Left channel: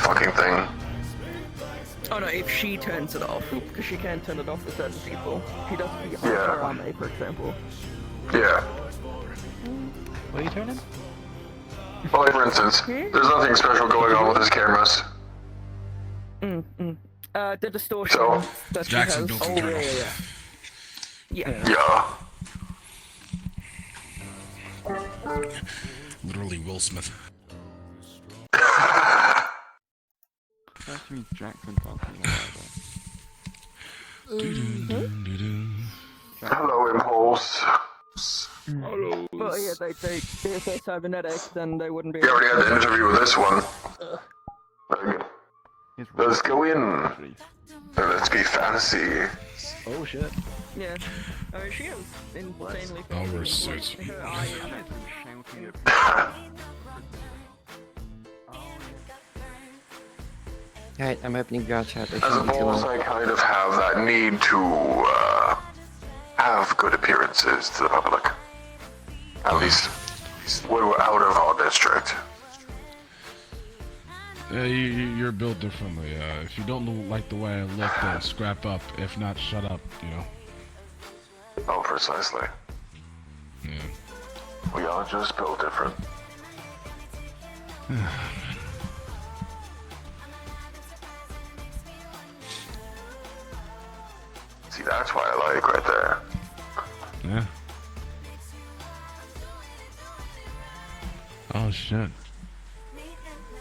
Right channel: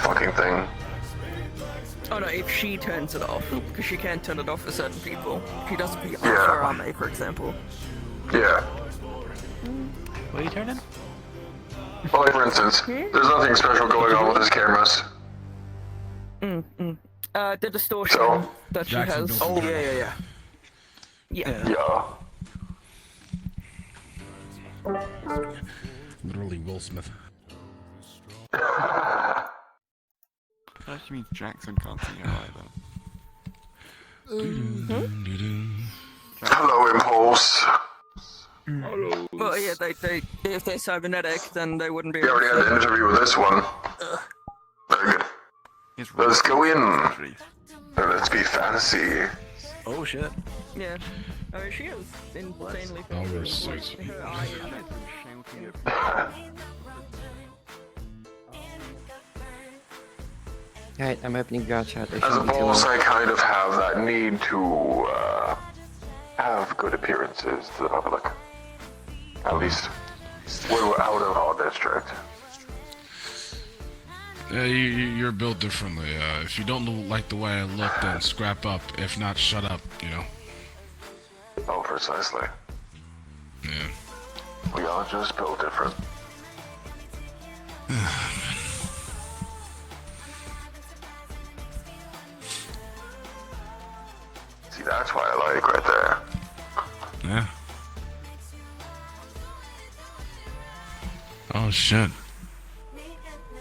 fucking thing. Oh no, if she turns it off, because she can't turn it off for certain people. She does for Ame, for example. Yeah. What are you turning? Well, like for instance, there's nothing special going on with his cameras. The distortion So, that she Jackson, has. don't Oh, forget. yeah. Literally Will Smith. That means Jackson can't sing Hello, Impulse. Hello. But yeah, if they're cybernetic, then they wouldn't be We already had an interview with this one. Very good. Let's go in. Let's be fantasy. Oh shit. Yeah. I mean, she is insanely Oh, we're fancy. so- Her eye is... Alright, I'm opening Vrchat. As a boss, I kind of have that need to have good appearances to the public. At least when we're out of our district. You're built differently. If you don't like the way I look, then scrap up. If not, shut up, you know? Oh, precisely. Yeah. We are just built different. See, that's why I like right there. Yeah. Oh, shit.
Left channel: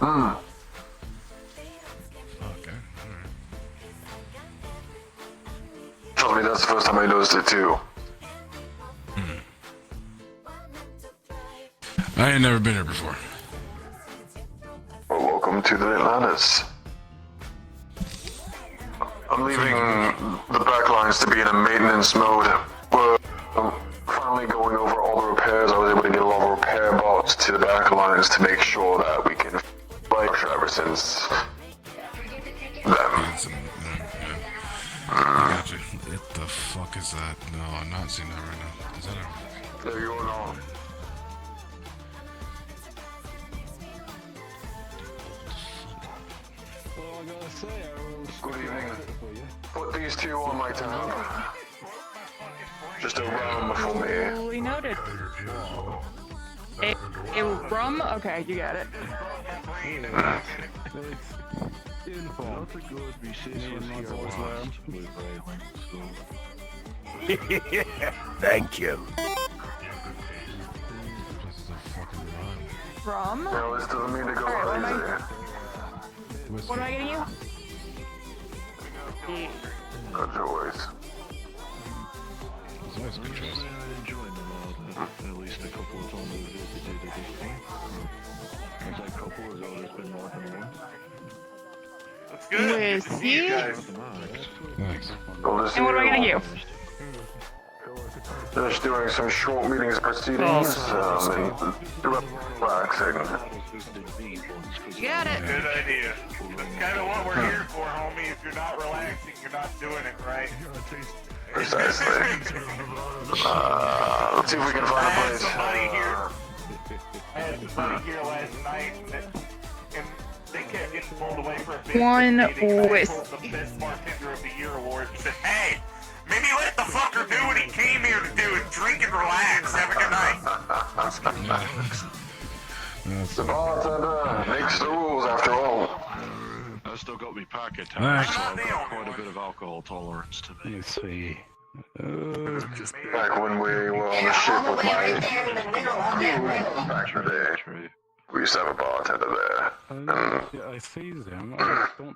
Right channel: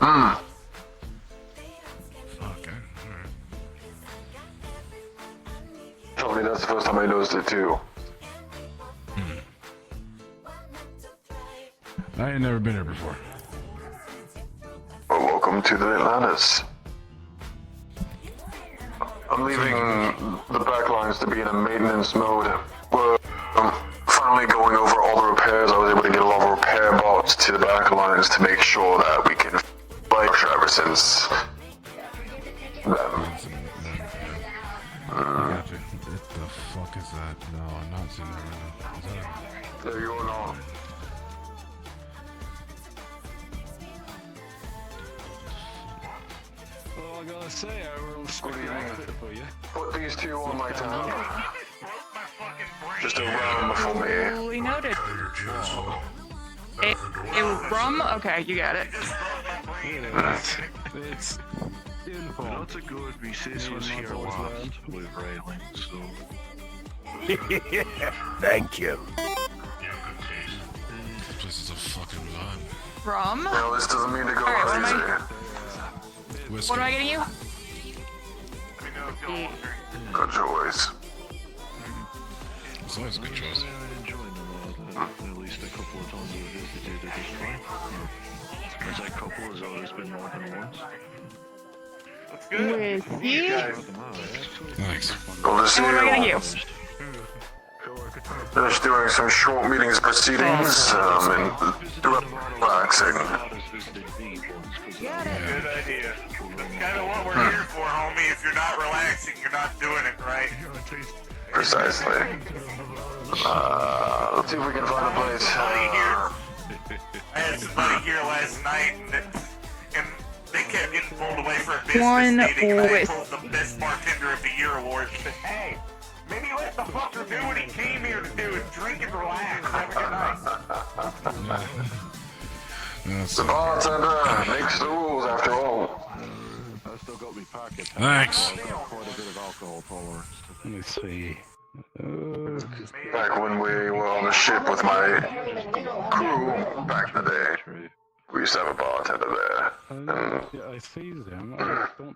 Okay, alright. Trust me, that's the first time I noticed it too. I ain't never been here before. Well, welcome to the Atlantis. I'm leaving the backlines to be in a maintenance mode. We're finally going over all the repairs. I was able to get a lot of repair bots to the backlines to make sure that we can fight ever since them. Gotcha. What the fuck is that? No, I'm not seeing that right now. Is that There you are. Oh, I gotta say, I was Good evening. Put these two on my tab. Just a rum for me. Fully noted. A rum? Okay, you got it. It's uniform. Not a good recess here with Raylan, so... Thank you. This is a fucking rhyme. Rum? No, this doesn't mean to go crazy. Whiskey. What am I getting you? Good choice. It's always a good choice. I enjoyed a lot, at least a couple of times we've visited at this point. I say couple as always been more than once. Yes, yeah. Thanks. Good to see And what am I getting you? Just doing some short meetings proceedings, and relaxing. Good idea. That's kind of what we're here for, homie. If you're not relaxing, you're not doing it right. Precisely. Let's see if we can find a place. I had somebody here last night, and they kept getting pulled away for a business One meeting, and I with- told the Best Bartender of the Year award. She said, hey, maybe let the fucker do what he came here to do, drink and relax. Have a good night. The bartender makes the rules after all. I've still got my packet. Thanks. So I've got quite a bit of alcohol tolerance today. Let me see. Back when we were on the ship with my crew back in the day, we used to have a bartender there. Yeah, I see them. I just don't.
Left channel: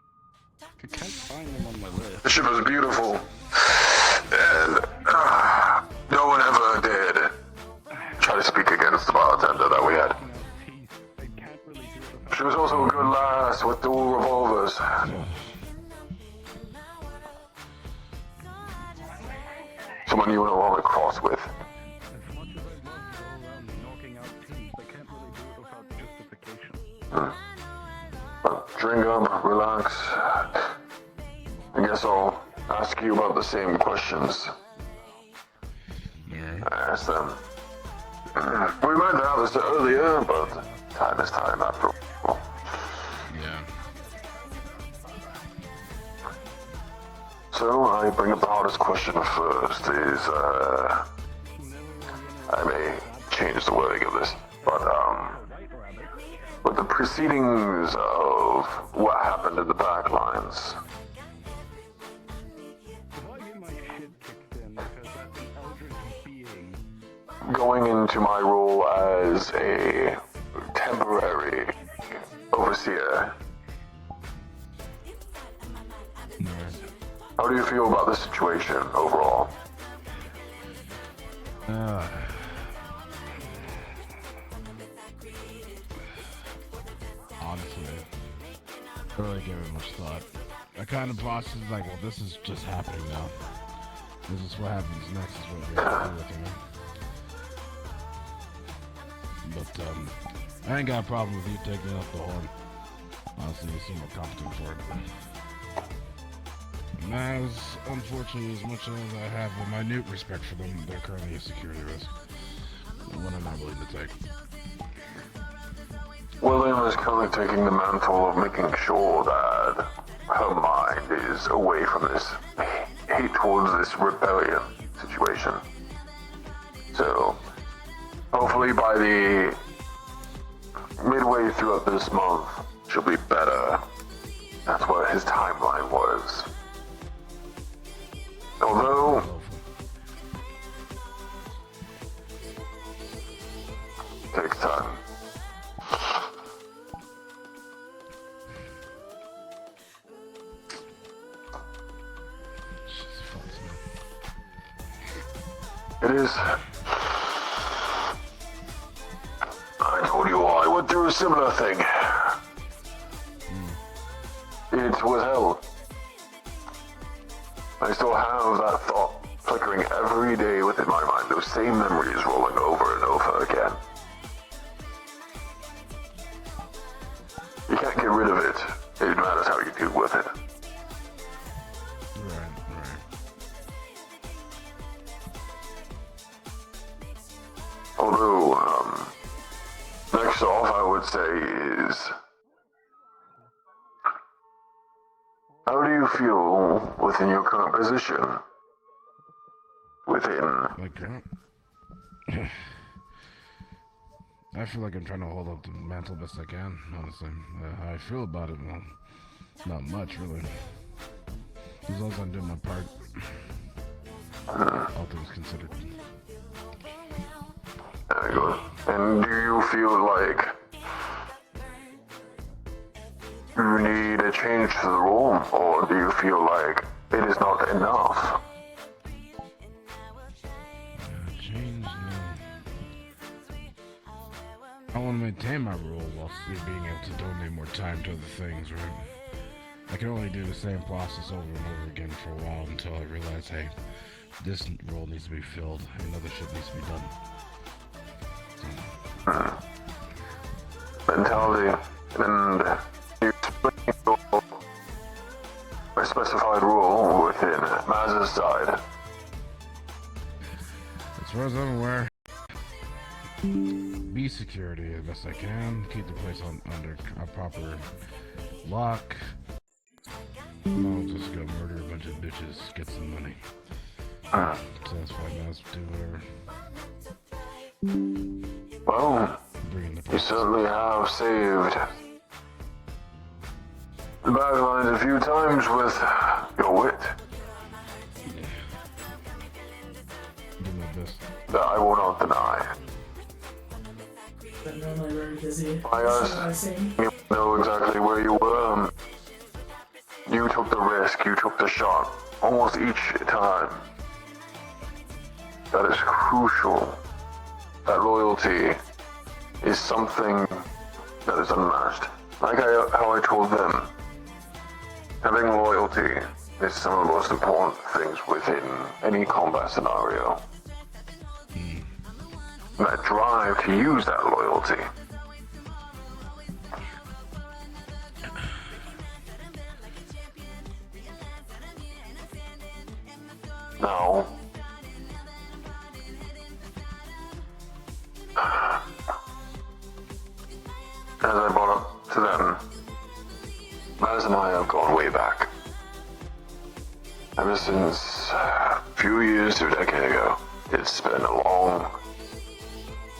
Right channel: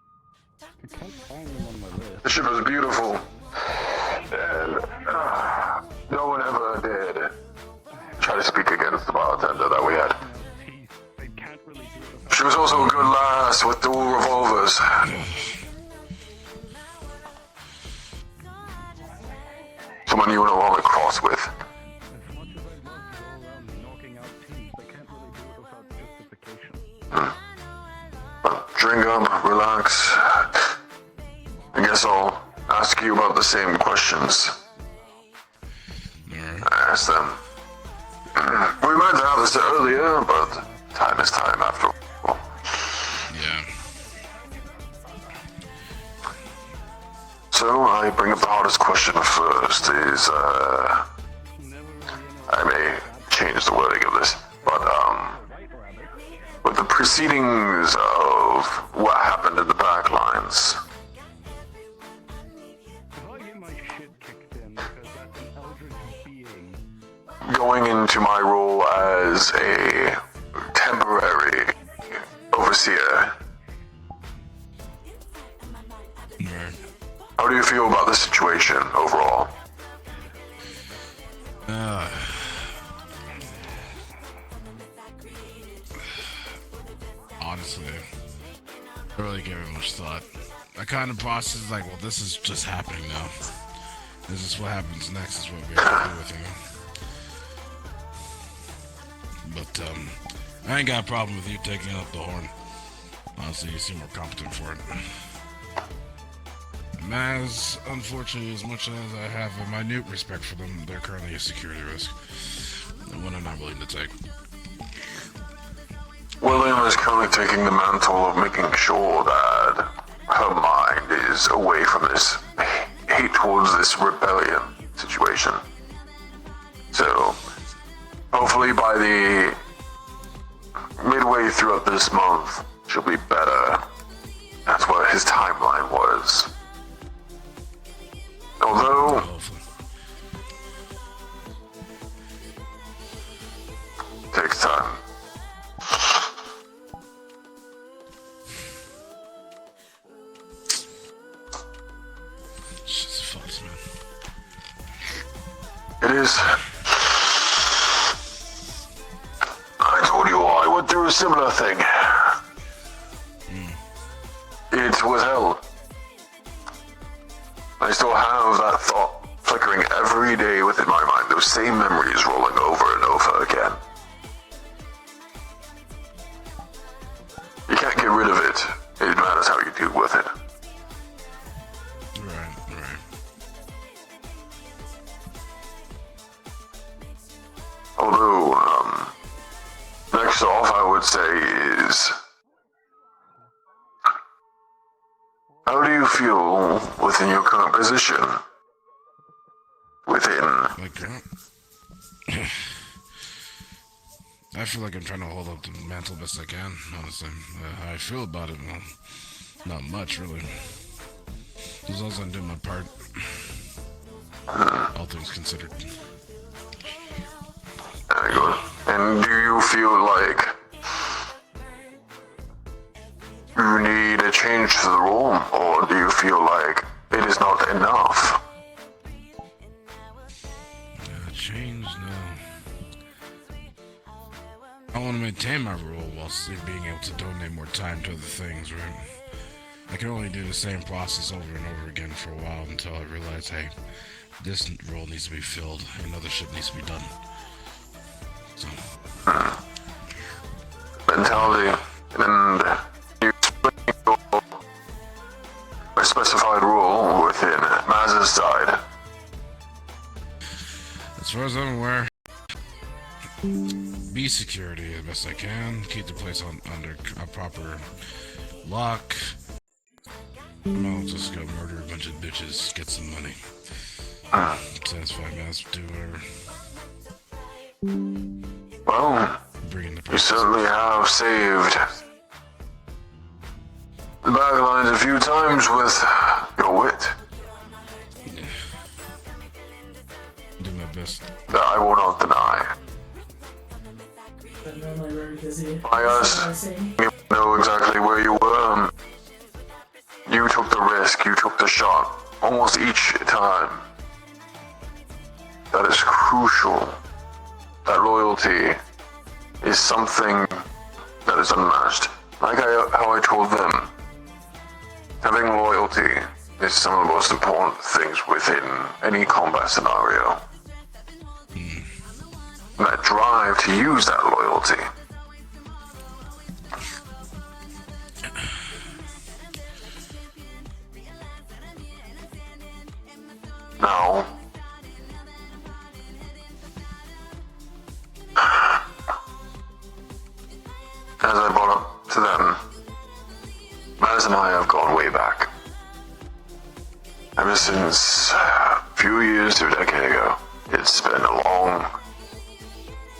I can't find them on my list. The ship was beautiful, and no one ever did try to speak against the bartender that we had. I can't really do it. She was also a good lass with dual revolvers. Someone you wouldn't want to cross with. As much as I'd love to go around knocking out teams, I can't really do it without justification. Drink up, relax. I guess I'll ask you about the same questions. I asked them. We meant to have this earlier, but time is time after all. Yeah. So I bring up the hardest question first is, I may change the wording of this, but, with the proceedings of what happened in the backlines, Well, you my shit kicked in because that's an eldritch being. going into my role as a temporary overseer, Right. how do you feel about the situation overall? Honestly, I really gave it much thought. I kind of processed like, well, this is just happening now. This is what happens next. Is what we have to do with, you know. But I ain't got a problem with you taking up the horn. Honestly, you seem more competent for it. And as unfortunately, as much as I have a minute respect for them, they're currently a security risk. And one I'm not willing to take. William is currently taking the mantle of making sure that her mind is away from this hate towards this rebellion situation. So, hopefully by the midway throughout this month, she'll be better. That's what his timeline was. Although, takes time. Shit's fucked, man. It is. I told you all I went through a similar thing. It was hell. I still have that thought flickering every day within my mind, those same memories rolling over and over again. You can't get rid of it. It matters how you deal with it. Right. Although, next off, I would say is, how do you feel within your current position? Like, I feel like I'm trying to hold up the mantle best I can, honestly. How I feel about it, well, not much, really. As long as I'm doing my part. All things considered. Very good. And do you feel like you need a change to the role, or do you feel like it is not enough? Change, no. I want to maintain my role while still being able to donate more time to other things, right? I can only do the same process over and over again for a while until I realize, hey, this role needs to be filled and other shit needs to be done. So. Mentality, and you explain a specified role within Maz's side. As far as I'm aware, be security as best I can, keep the place under a proper lock. I'll just go murder a bunch of bitches, get some money. Satisfy Maz, do whatever. Well, Bring in the you prices. certainly have saved the Backlines a few times with your wit. Do my best. That I will not deny. But normally very busy. I you know exactly where you were. You took the risk, you took the shot, almost each time. That is crucial. That loyalty is something that is unmatched. Like how I told them, having loyalty is some of the most important things within any combat scenario. And that drive to use that loyalty. Now, as I brought up to them, Maz and I have gone way back. ever since a few years to a decade ago. It's been a long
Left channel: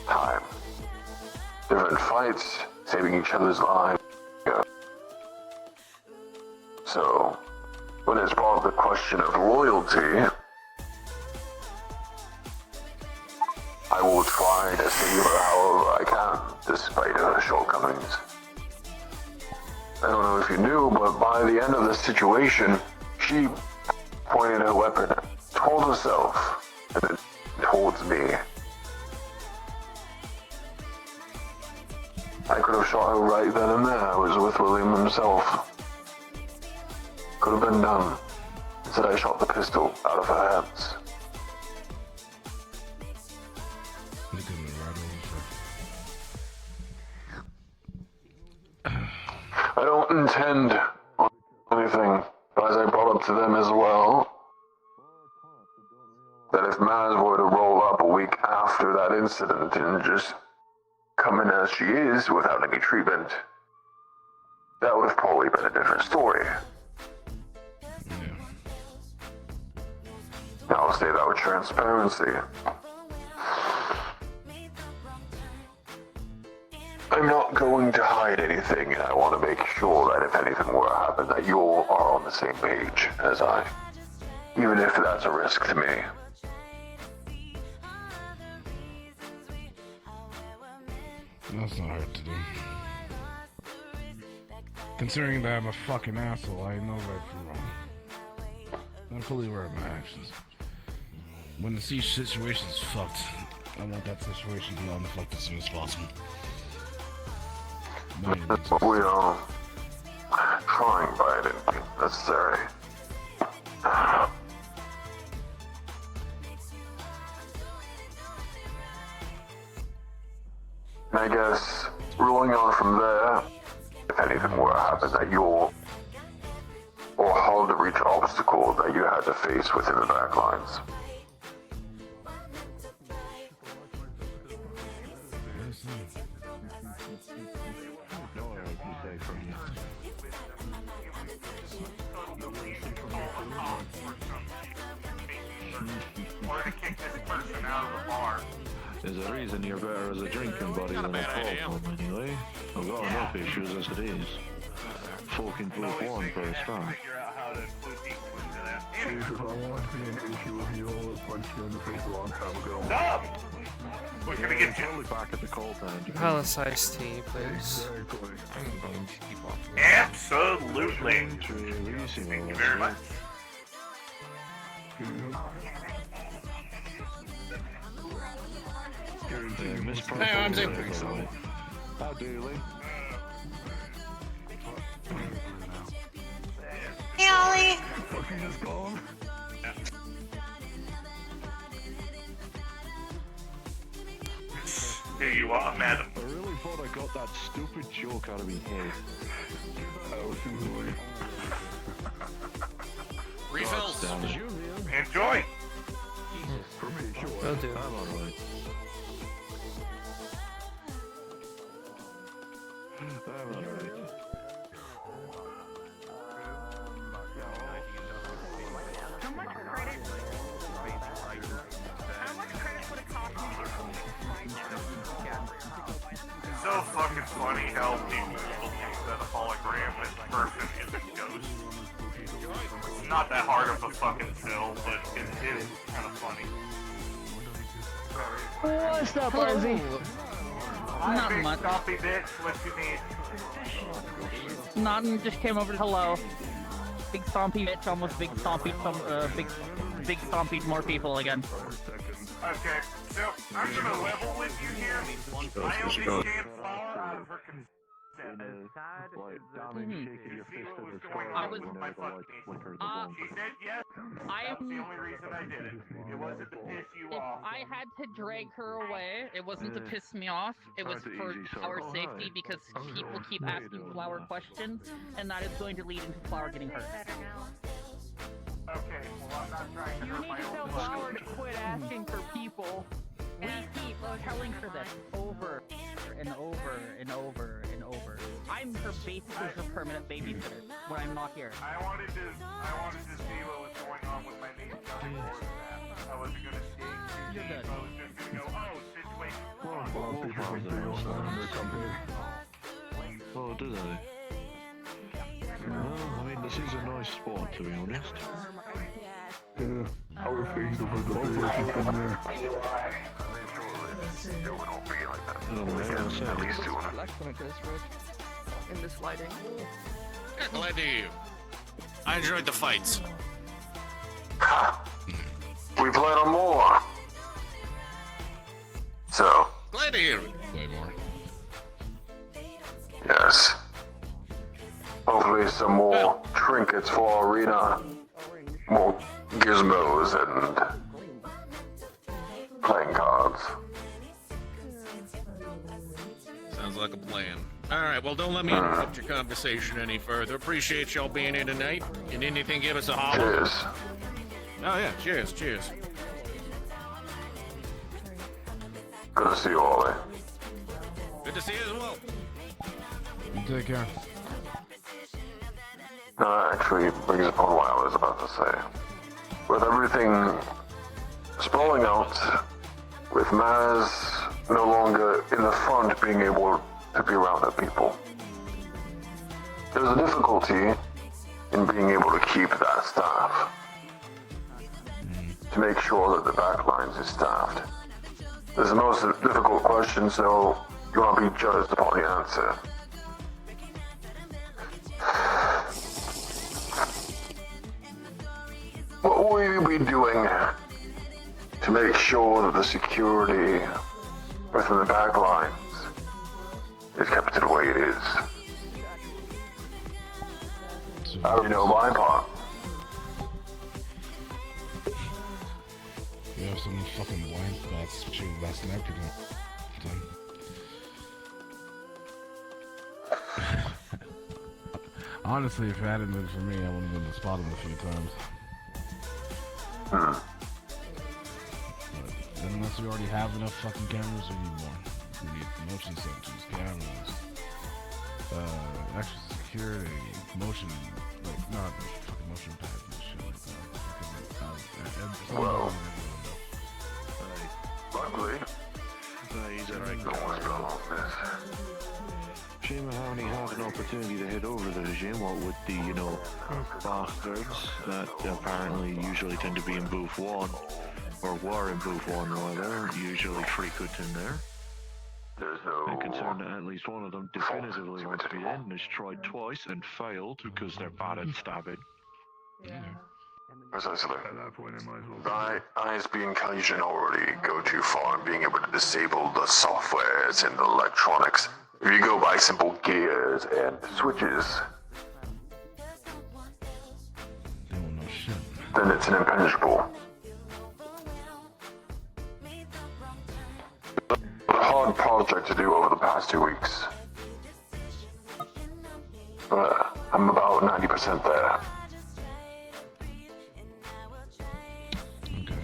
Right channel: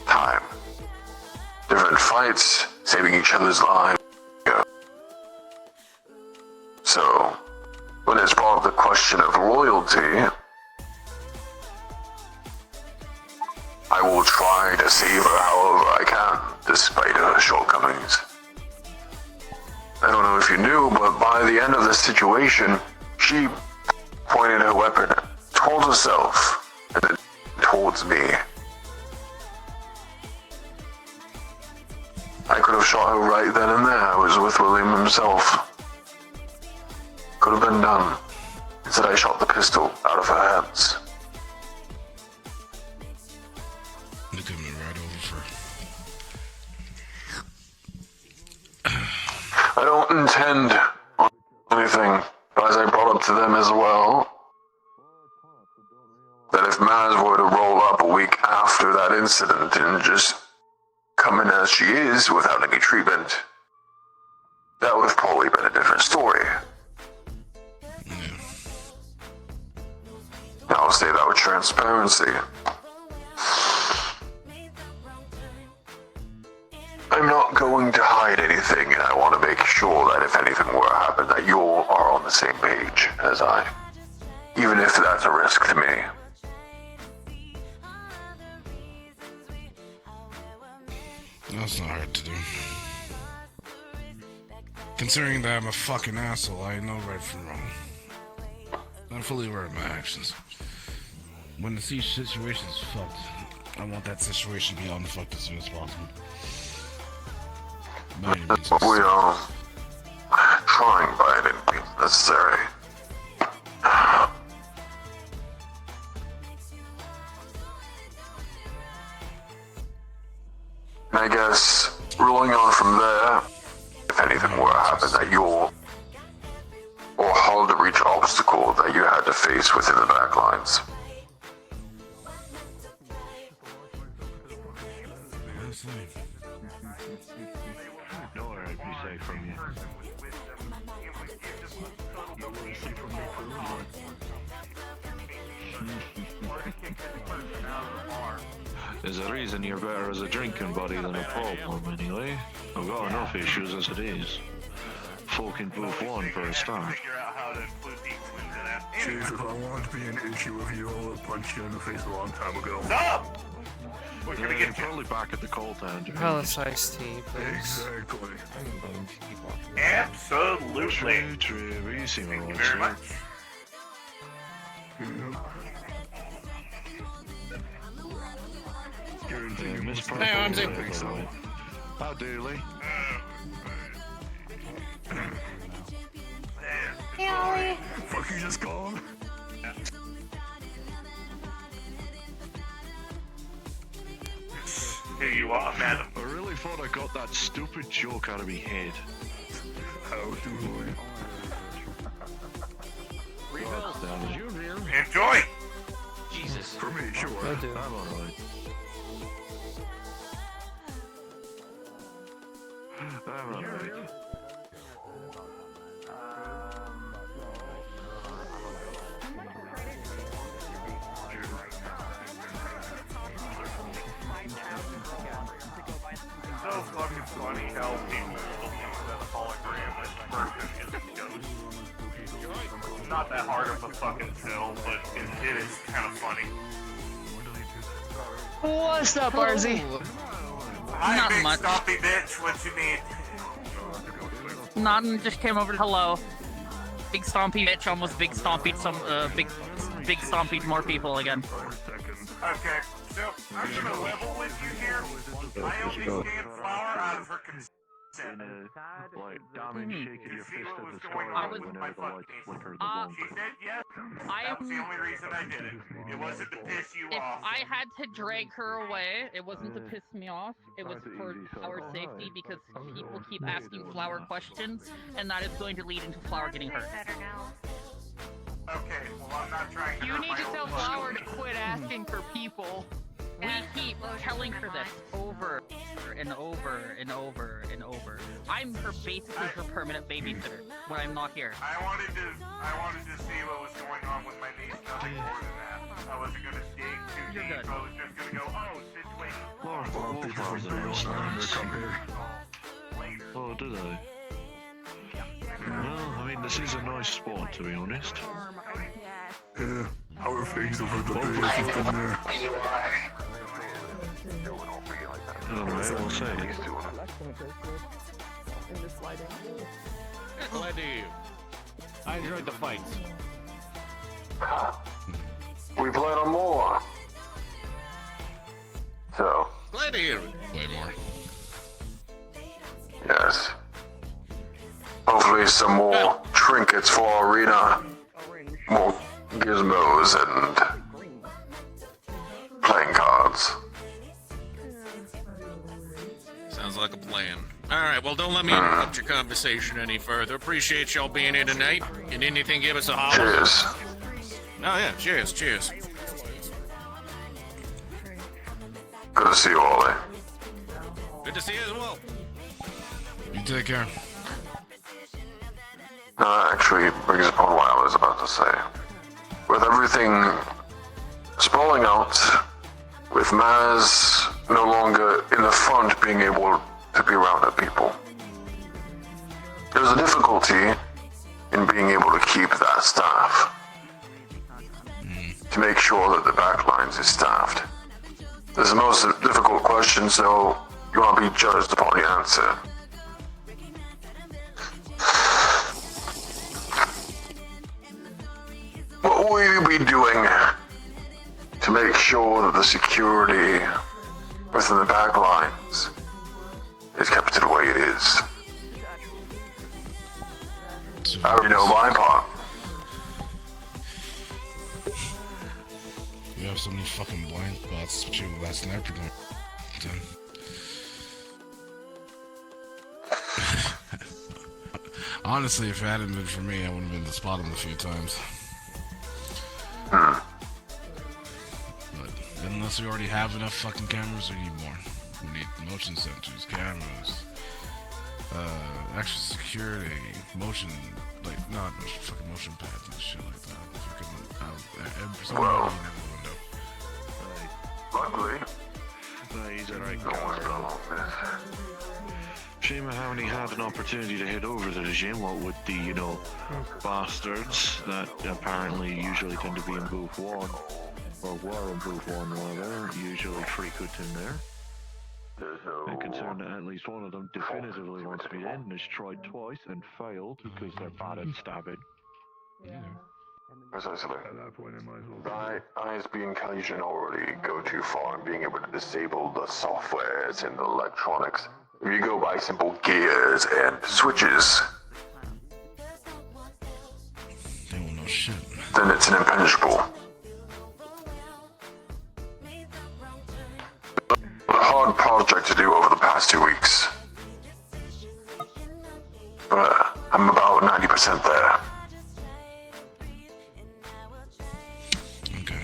time. Different fights, saving each other's lives. So, when it's brought up the question of loyalty, I will try to save her however I can, despite her shortcomings. I don't know if you knew, but by the end of the situation, she pointed her weapon towards herself and then towards me. I could have shot her right then and there. I was with William himself. Could have been done. Instead, I shot the pistol out of her hands. Look at me right over for. I don't intend anything, but as I brought up to them as well, that if Maz were to roll up a week after that incident and just come in as she is without any treatment, that would have probably been a different story. I'll say that with transparency. I'm not going to hide anything, and I want to make sure that if anything were to happen, that you all are on the same page as I. Even if that's a risk to me. That's not hard to do. Considering that I'm a fucking asshole, I know right from wrong. I'm fully aware of my actions. When the situation's fucked, I want that situation to be unfucked as soon as possible. By any means. We are trying by any means necessary. And I guess, rolling on from there, if anything were to happen that you're, or hard to reach obstacle that you had to face within the backlines. There's a reason you're better as a drinking buddy than a pub one anyway. I've got enough issues as it is. Fucking both one for a start. Chief, if I wanted to be an issue with you, I would have punched you in the face a long time ago. Stop! We're gonna get you. Probably back at the coal town. Palace iced tea, please. Exactly. Absolutely. Thank Thank you very much. Hey, I'm How dearly? Fuck, you just gone? Here you are, madam. I really thought I got that stupid joke out of me head. Enjoy. For me, sure. Will do. I'm alright. I'm alright. So fucking funny how people are looking for the hologram It's not that hard of a fucking film, but it is kind of funny. What's up, Arzy? Hi, Not big much. stompy bitch, what you need? Nothing, just came over to hello. Big stompy bitch almost big stompy some big stompy more people again. Okay, so I'm gonna level with you here. I only can flour out of her consent. Like, damage shaking your fist in the sky I was- when the lights flickered. She said yes. That's the only reason I did it. It wasn't to piss you If off. I had to drag her away, it wasn't to piss me off. It was for our safety because people keep asking flower questions, and that is going to lead into flower getting hurt. Okay, well, I'm not trying to You hurt need to my tell own flower to quit asking for people. We keep telling her this over and over and over and over. I'm basically her permanent babysitter when I'm not here. I wanted to see what was going on. Oh, do they? Well, I mean, this is a nice spot, to be honest. Yeah, how are things over the bay if you've been there? Alright, I'll say. In this lighting. Glad to hear you. I enjoyed the fights. We plan on more. So, Glad to hear it. yes. Hopefully some more trinkets for our arena. More gizmos and playing cards. Sounds like a plan. Alright, well, don't let me interrupt your conversation any further. Appreciate y'all being here tonight. Can anything give us a holler? Cheers. Oh, yeah, cheers, cheers. Good to see you, Ollie. Good to see you as well. You take care. That actually brings upon what I was about to say. With everything sprawling out, with Maz no longer in the front being able to be around the people, there's a difficulty in being able to keep that staff. To make sure that the backlines is staffed. This is the most difficult question, so you want to be judged upon the answer. What will you be doing to make sure that the security within the backlines is kept to the way it is? I already know my part. You have so many fucking blind spots, but you have last night you're gonna. Honestly, if it hadn't been for me, I would have been to spot him a few times. But unless we already have enough fucking cameras, we need more. We need motion sensors, cameras, extra security, motion, like, not fucking motion pads and shit like that. And for some reason, Luckily, no one's got long this. Shame I haven't had an opportunity to head over to the gym, what with the, bastards that apparently usually tend to be in booth 1, or were in booth 1 rather, usually frequent in there. I'm concerned that at least one of them definitively wants to be in and has tried twice and failed because they're bad at stabbing. Precisely. At that point, I might as well. ISB and Collision already go too far in being able to disable the softwares and the electronics. If you go by simple gears and switches, oh shit. then it's an impenetrable. A hard project to do over the past 2 weeks. But I'm about 90% there. Okay.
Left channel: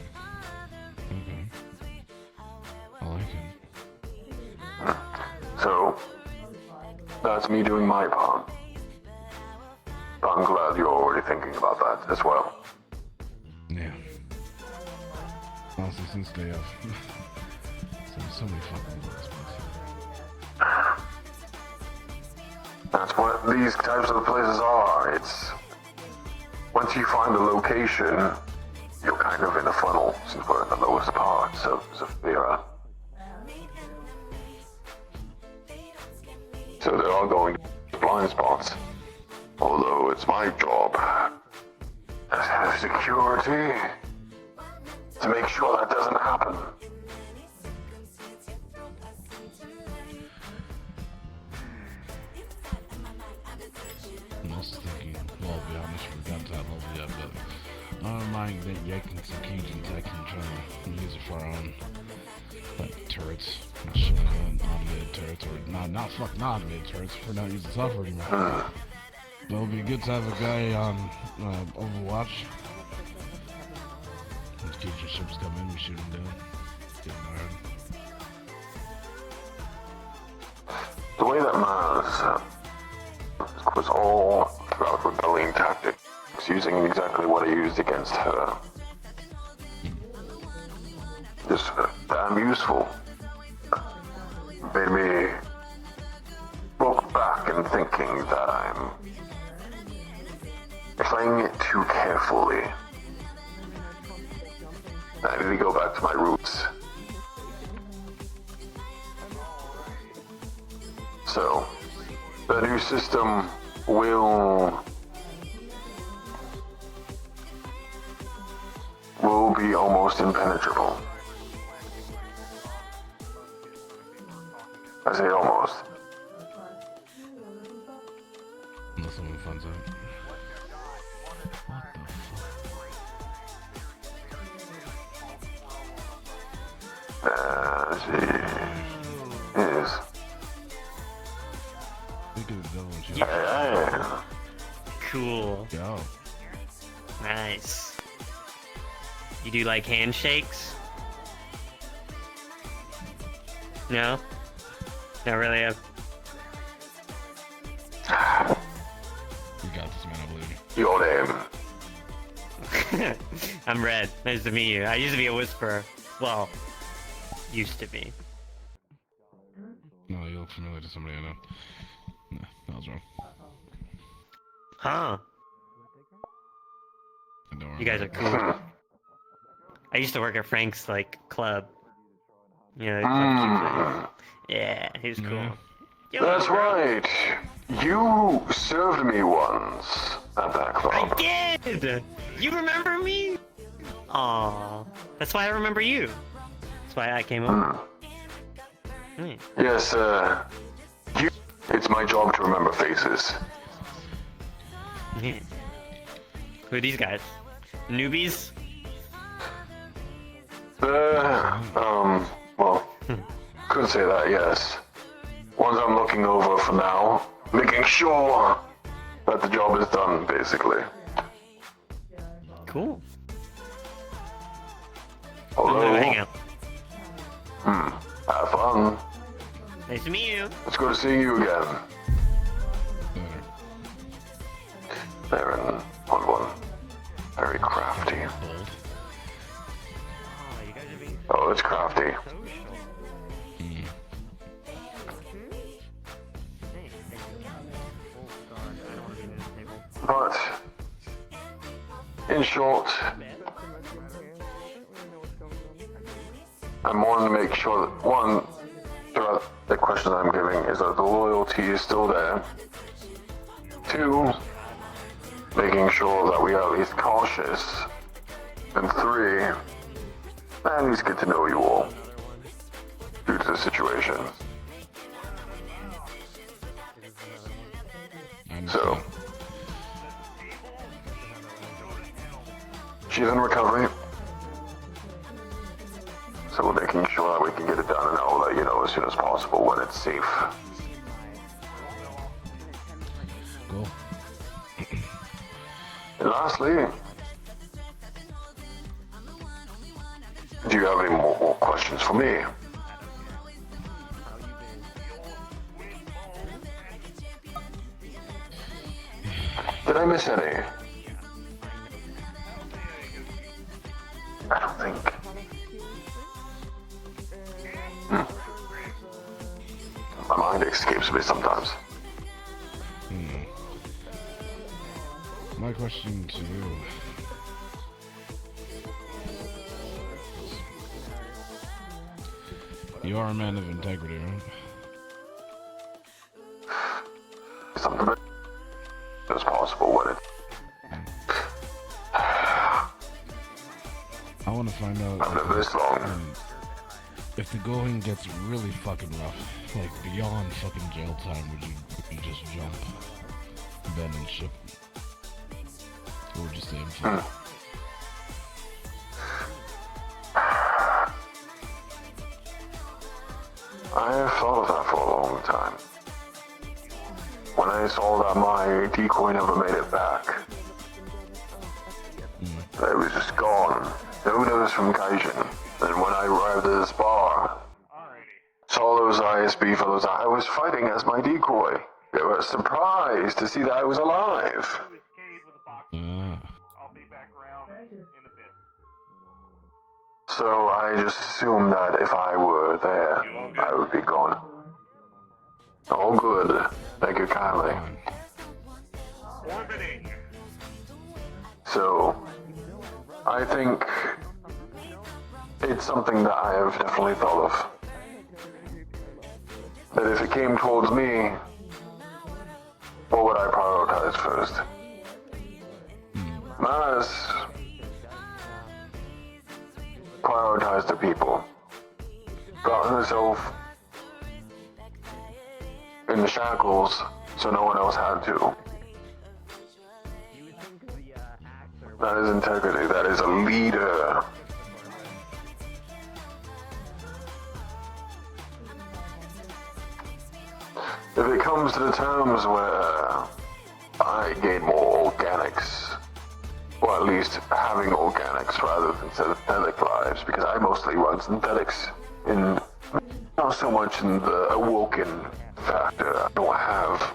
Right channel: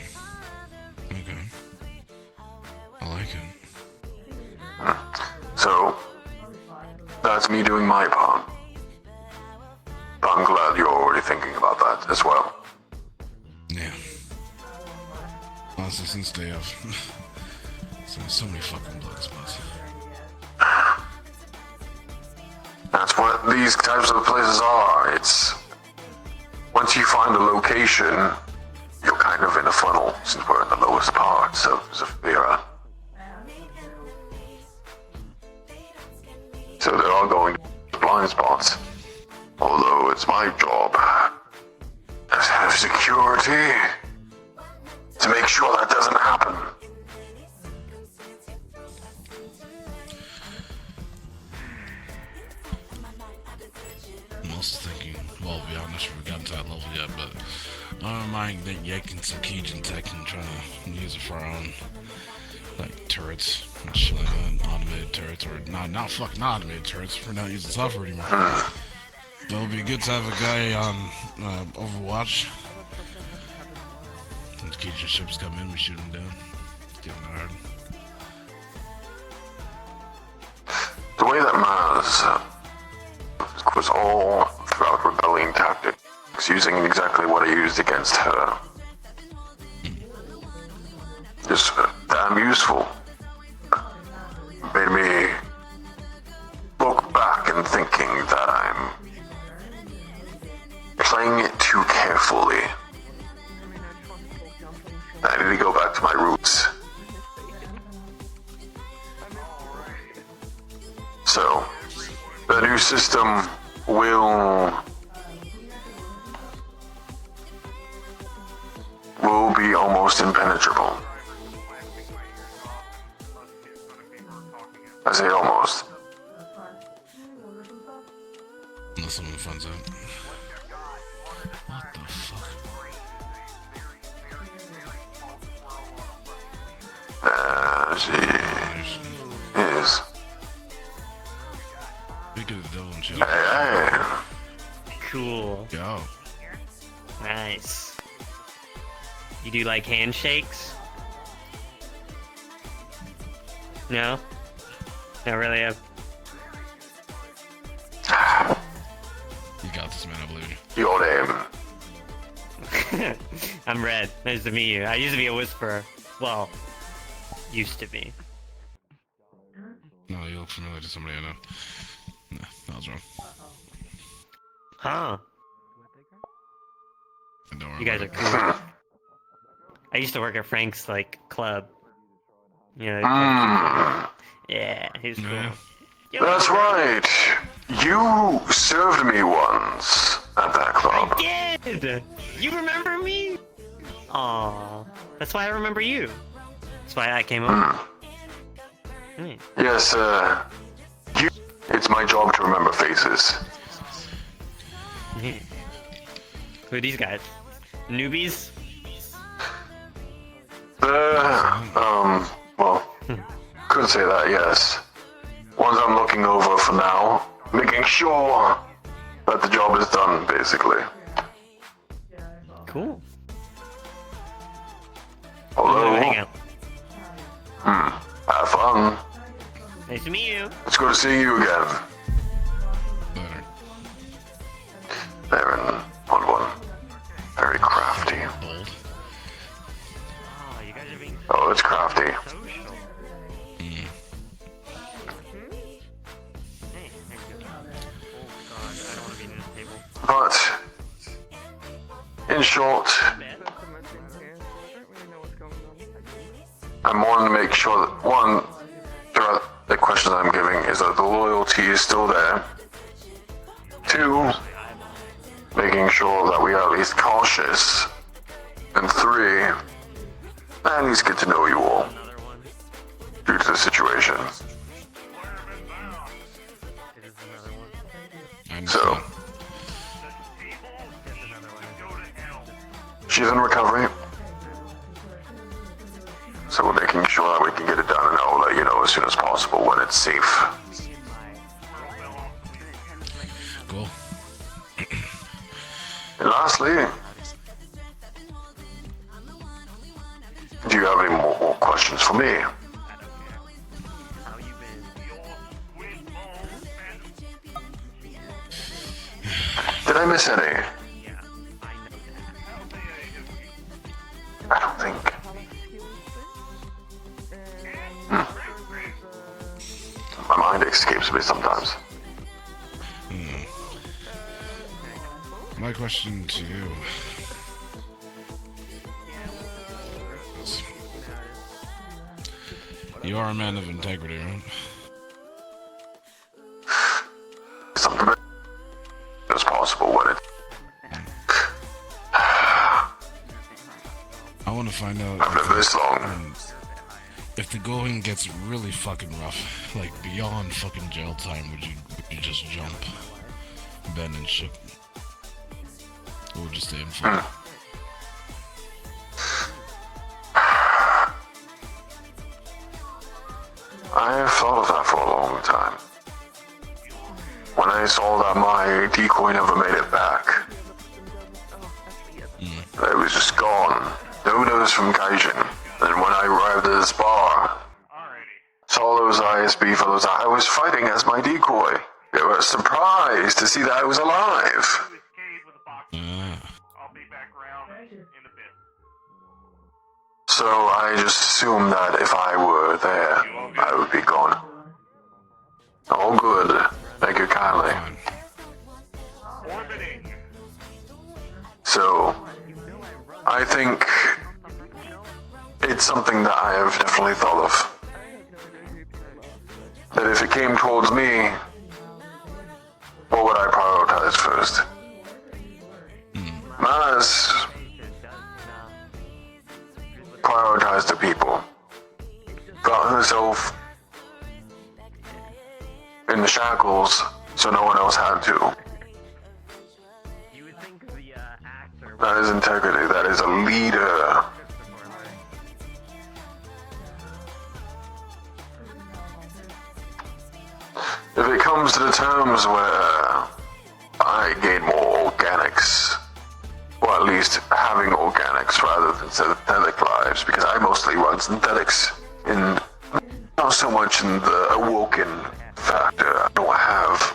I like it. So, that's me doing my part. But I'm glad you're already thinking about that as well. Yeah. Honestly, since day of. So many fucking blood spots. That's what these types of places are. It's... once you find a location, you're kind of in a funnel, since we're in the lowest parts of Zafira. So they're all going to blind spots. Although it's my job as head of security to make sure that doesn't happen. I'm also thinking, well, yeah, I'm not sure we got to that level yet, but I don't mind yanking some Cajun tech and trying to use it for our own, like, turrets and shit like that, automated turrets, or not automated turrets, we're not using software anymore. It would be good to have a guy on Overwatch. When the Cajun ships come in, we shoot them down. Get them hard. The way that Maz was all throughout rebelling tactics, using exactly what I used against her. was damn useful. Made me look back and thinking that I'm playing it too carefully. I need to go back to my roots. So, the new system will be almost impenetrable. I say almost. Unless someone finds out. What the fuck? Yes. Speak of the devil and shit. Hey. Cool. Yo. Nice. You do like handshakes? No? Not really. You got this, man. I believe Your name. I'm Red. Nice to meet you. I used to be a whisperer. Well, used to be. you. No, you look familiar to somebody I know. No, I was wrong. Huh. Don't worry You guys are about it. cool. I used to work at Frank's, like, club. You know, yeah, he's cool. Yeah. Yo, That's bro. right. You served me once at that club. I did! You remember me? Aw, that's why I remember you. That's why I came over. Hmm. Yes, it's my job to remember faces. Mhm. Who are these guys? Newbies? Well, could say that, yes. Ones I'm looking over for now, making sure that the job is done, basically. Cool. Hello? Hang out. Have fun. Nice to meet you. It's good to see you again. Better. Aaron, good one. Very crafty. Bold. Oh, you guys are being Oh, it's crafty. social. Mm. Hey, But, in short, I'm wanting to make sure that, one, throughout the questions I'm giving is that the loyalty is still there. Two, making sure that we are at least cautious. And three, at least get to know you all due to the situation. I understand. So, she's in recovery. So we're making sure that we can get it done, and I'll let you know as soon as possible when it's safe. Cool. And lastly, do you have any more questions for me? Did I miss any? I don't think. My mind escapes me sometimes. My question to you is, you are a man of integrity, right? Something as possible when it. I want to find out I've lived this long. if the going gets really fucking rough, like beyond fucking jail time, would you just jump, bend and ship? Or would you stay in flight? I have thought of that for a long time. When I saw that my decoy never made it back, it was just gone. No notice from Gaijin. And when I arrived at this bar, saw those ISB fellows I was fighting as my decoy. They were surprised to see that I was alive. So I just assumed that if I were there, I would be gone. All good. Thank you kindly. Orbiting. So, I think it's something that I have definitely thought of. That if it came towards me, what would I prioritize first? Maz prioritized the people. Got herself in the shackles so no one else had to. That is integrity. That is a leader. If it comes to the terms where I gain more organics, or at least having organics rather than synthetic lives, because I mostly run synthetics, and not so much in the awoken factor. I don't have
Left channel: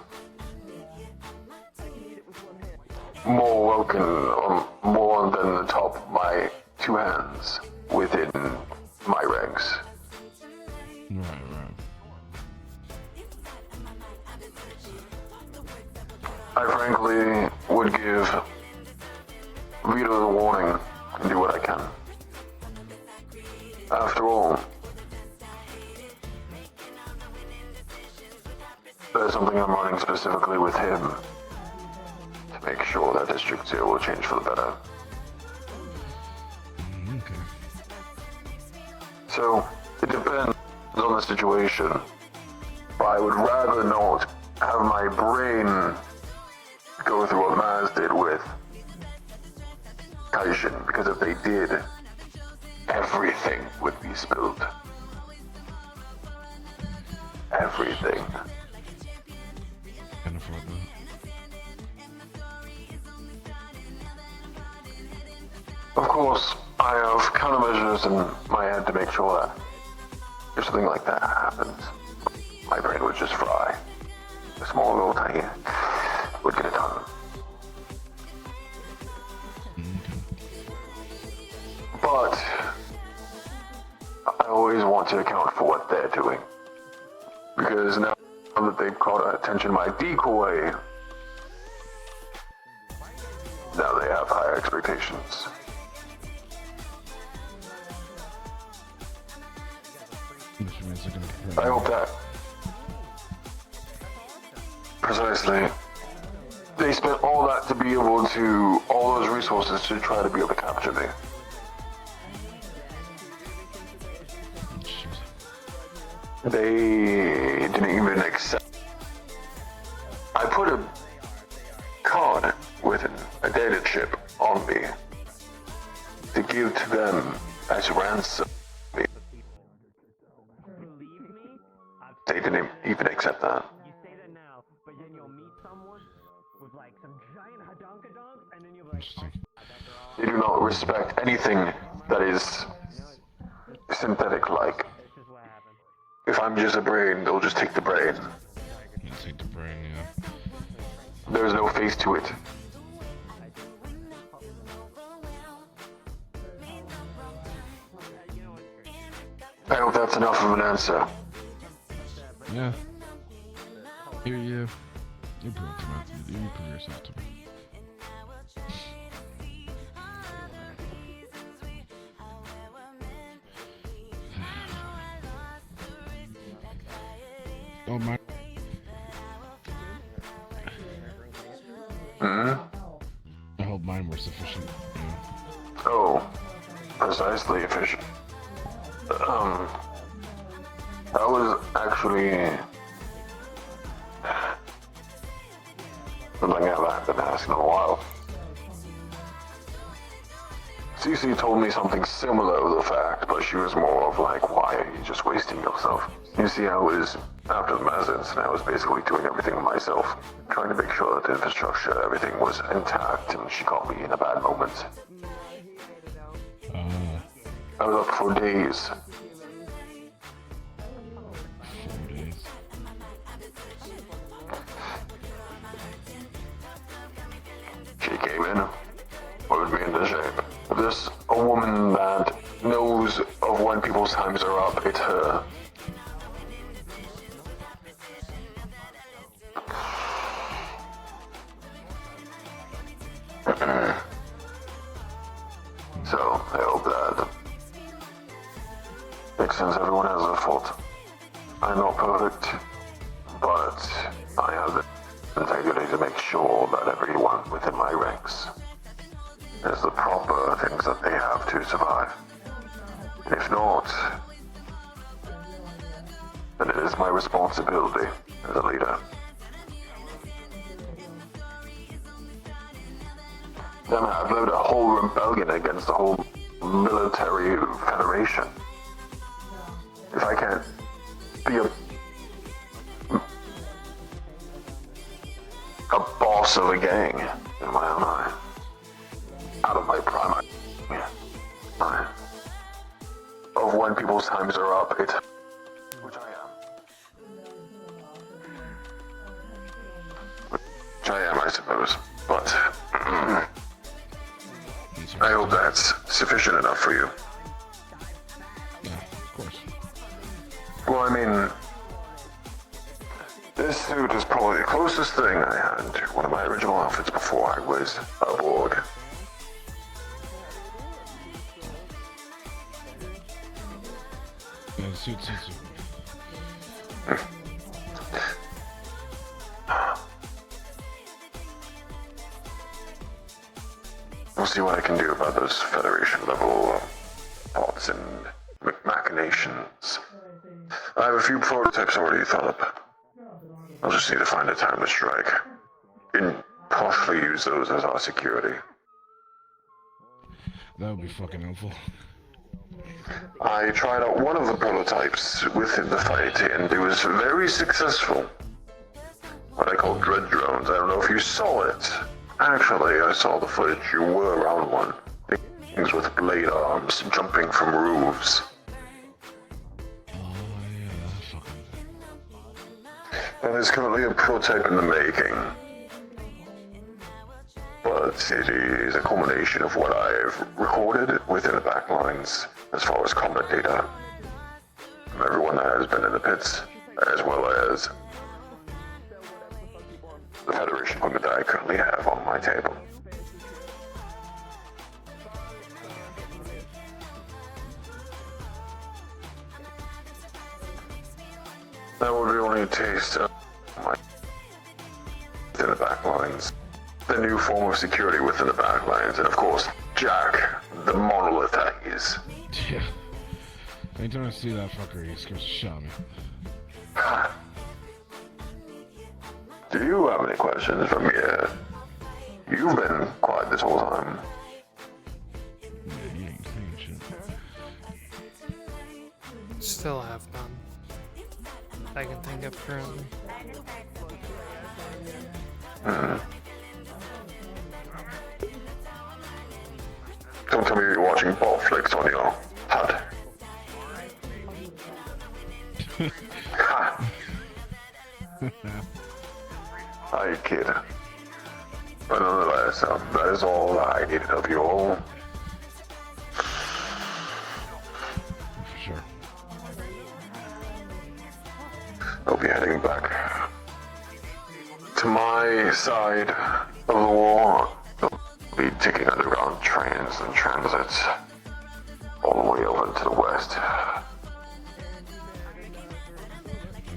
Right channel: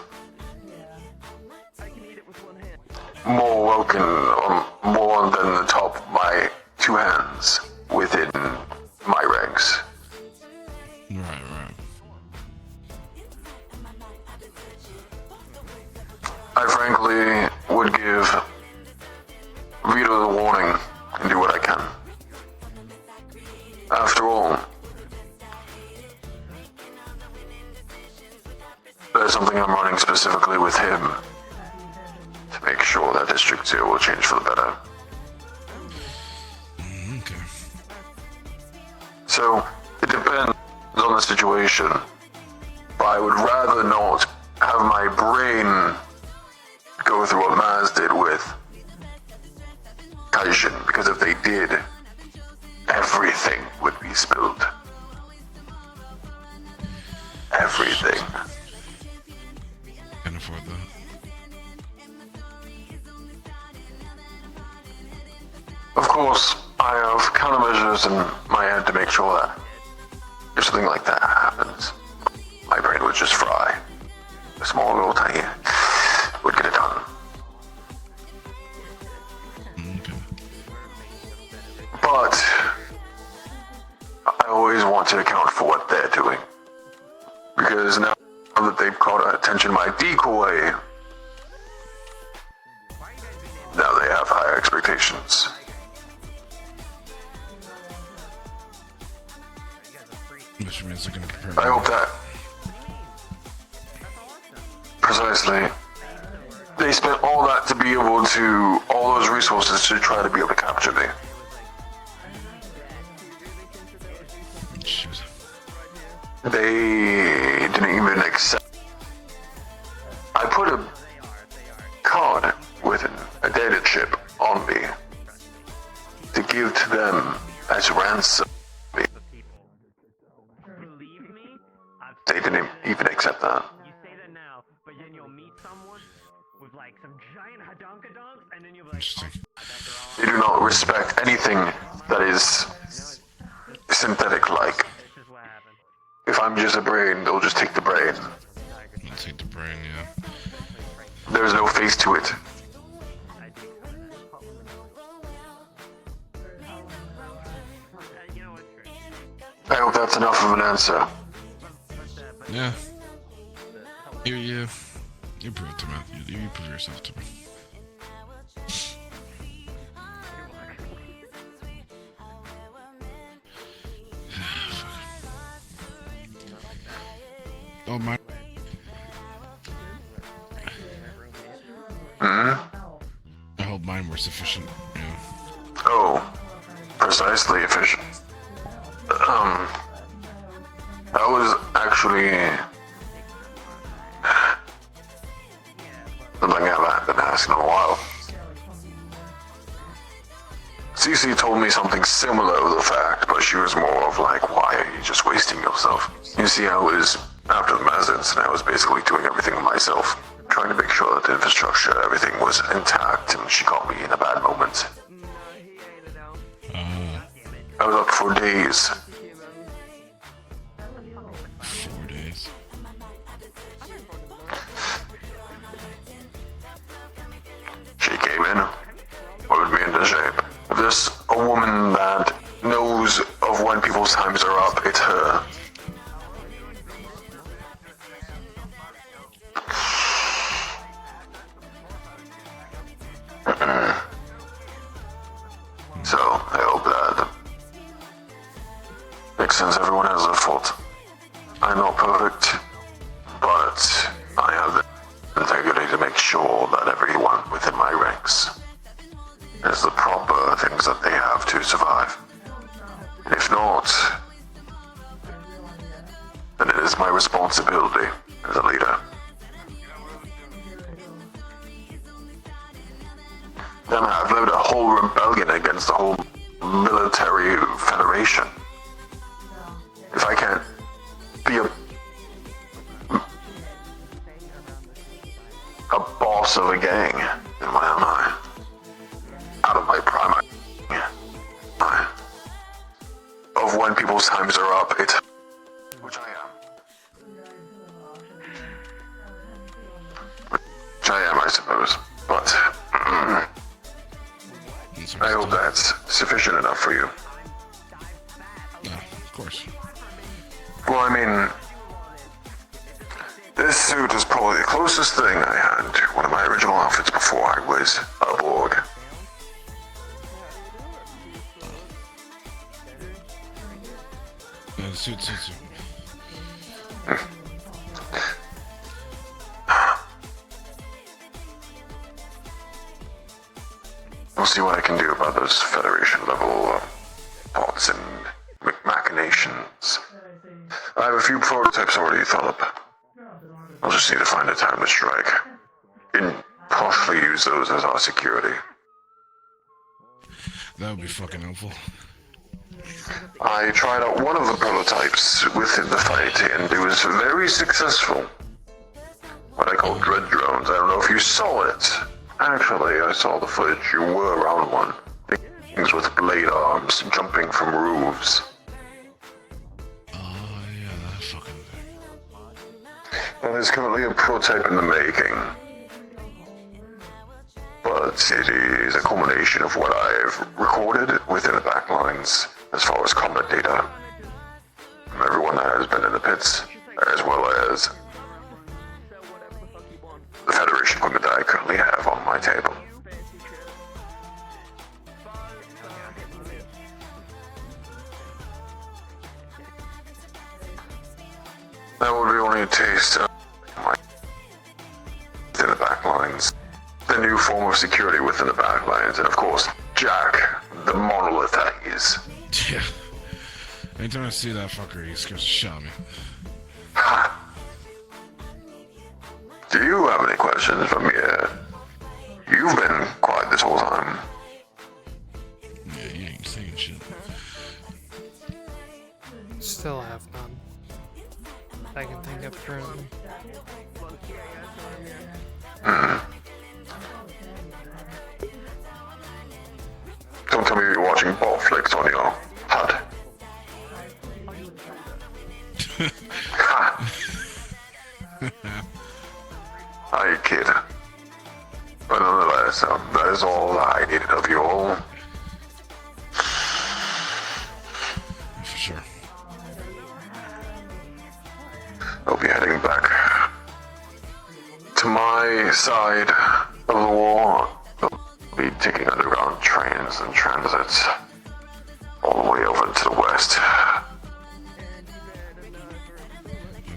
more awoken or more than the top of my two hands within my ranks. Right. I frankly would give Vito the warning and do what I can. After all, there's something I'm running specifically with him to make sure that District 2 will change for the better. Okay. So, it depends on the situation. But I would rather not have my brain go through what Maz did with Kaijin, because if they did, everything would be spilled. Everything. Can afford that. Of course, I have countermeasures in my head to make sure that if something like that happens, my brain would just fry. A small little tiny would get it done. Okay. But I always want to account for what they're doing. Because now that they've caught attention to my decoy, now they have higher expectations. Which means they're gonna prepare. I hope that precisely they spent all that to be able to, all those resources to try to be able to capture me. Shoot. They didn't even accept. I put a card with a data chip on me to give to them as ransom. They didn't even accept that. You say that now, but then you'll meet someone with like some giant hadonkadonks, and then you'll be like, Interesting. They do not respect anything that is synthetic-like. this is what happened. If I'm just a brain, they'll just take the brain. I'll take the brain, yeah. There's no face to it. I hope that's enough of an answer. Yeah. You prove it to me. You prove yourself to me. Oh my. I hope mine were sufficient. Yeah. Oh, precisely efficient. That was actually something I haven't been asking in a while. Cece told me something similar to the fact, but she was more of like, why are you just wasting yourself? You see, I was, after the mass incident, I was basically doing everything myself, trying to make sure that the infrastructure, everything was intact, and she caught me in a bad moment. I was up for days. 4 days. She came in, put me into shape. If there's a woman that knows Makes sense, everyone has their fault. I'm not perfect, but I have the integrity to make sure that everyone within my ranks has the proper things that they have to survive. If not, then it is my responsibility as a leader. Then I've led a whole rebellion against the whole military federation. If I can't be a boss of a gang, then what am I? Out of my prime. Of when people's times are up, which I am, I suppose. But I hope that's sufficient enough for you. Of course. Well, I mean, this suit is probably the closest thing I had to one of my original outfits before I was a Borg. Suit. I'll see what I can do about those Federation level thoughts and machinations. I have a few prototypes already thought up. I'll just need to find a time to strike. And partially use those as our security. That would be fucking helpful. I tried out one of the prototypes within the fight, and it was very successful. What I call dread drones. I don't know if you saw it. Actually, I saw the footage. You were around one. Things with blade arms jumping from roofs. Yeah, that fucking thing. And there's currently a prototype in the making. But it is a culmination of what I've recorded within the backlines as far as combat data from everyone that has been in the pits, as well as the Federation equipment that I currently have on my table. That would be only a taste of my within the backlines. The new form of security within the backlines, and of course, Jack, the monolith that he is. Yeah. Anytime I see that fucker, he scares the shit out of me. Do you have any questions for me? You've been quiet this whole time. Yeah, you ain't saying shit. Still have none. I can think of currently. Don't tell me you're watching ball flicks on your HUD. I kid. But nonetheless, that is all I needed of you all. For sure. I'll be heading back to my side of the war. I'll be taking underground trains and transits all the way over to the west.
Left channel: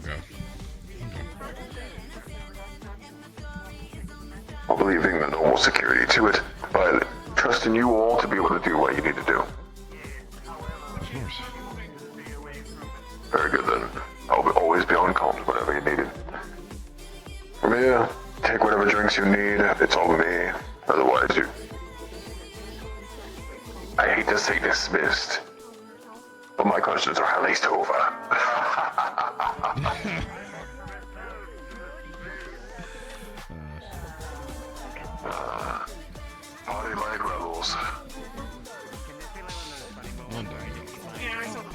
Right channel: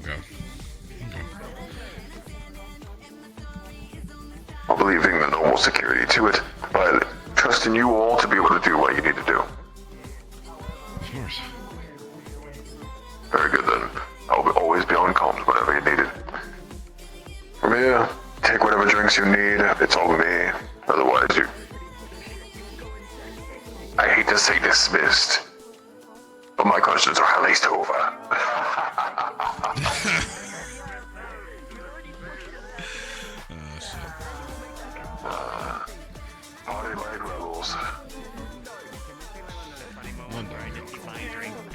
Okay. I'll be leaving the normal security to it, but trusting you all to be able to do what you need to do. Of course. Very good then. I'll always be on comms whenever you need it. From here, take whatever drinks you need. It's all me. Otherwise, you... I hate to say dismissed, but my questions are at least over. Party like levels. One day.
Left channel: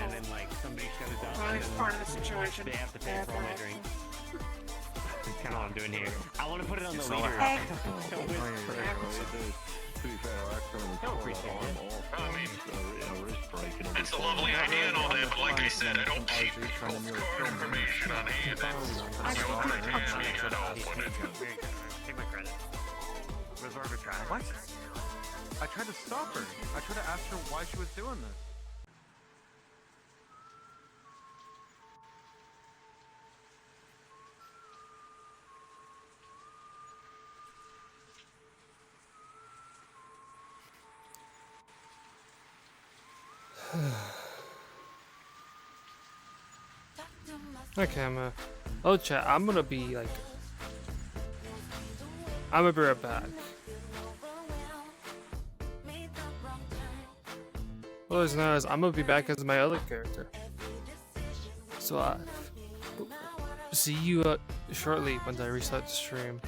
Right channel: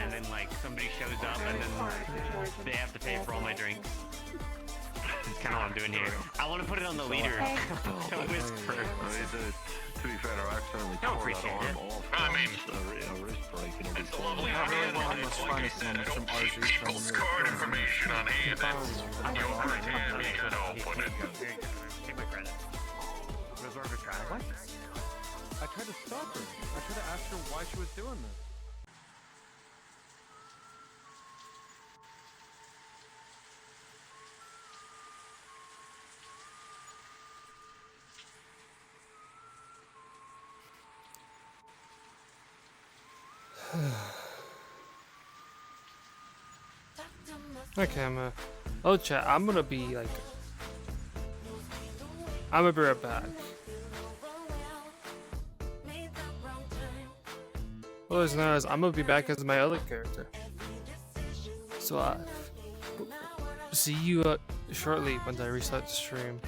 And then like somebody shows up and then they have to pay for all my drinks. That's kind of what I'm doing here. I want to put it on the leader. To be fair, I accidentally Don't appreciate it. I mean, a wrist break and it's a lovely idea and all that, but like I said, I don't keep people's card information on hand. You understand me, I don't put it. Take my credit. Where's Vrchat? What? I tried to stop her. I should have asked her why she was doing this. Okay, oh chat, I'm gonna be like, I'm gonna be right back. Well, as known as I'm gonna be back as my other character. So see you shortly once I restart the stream.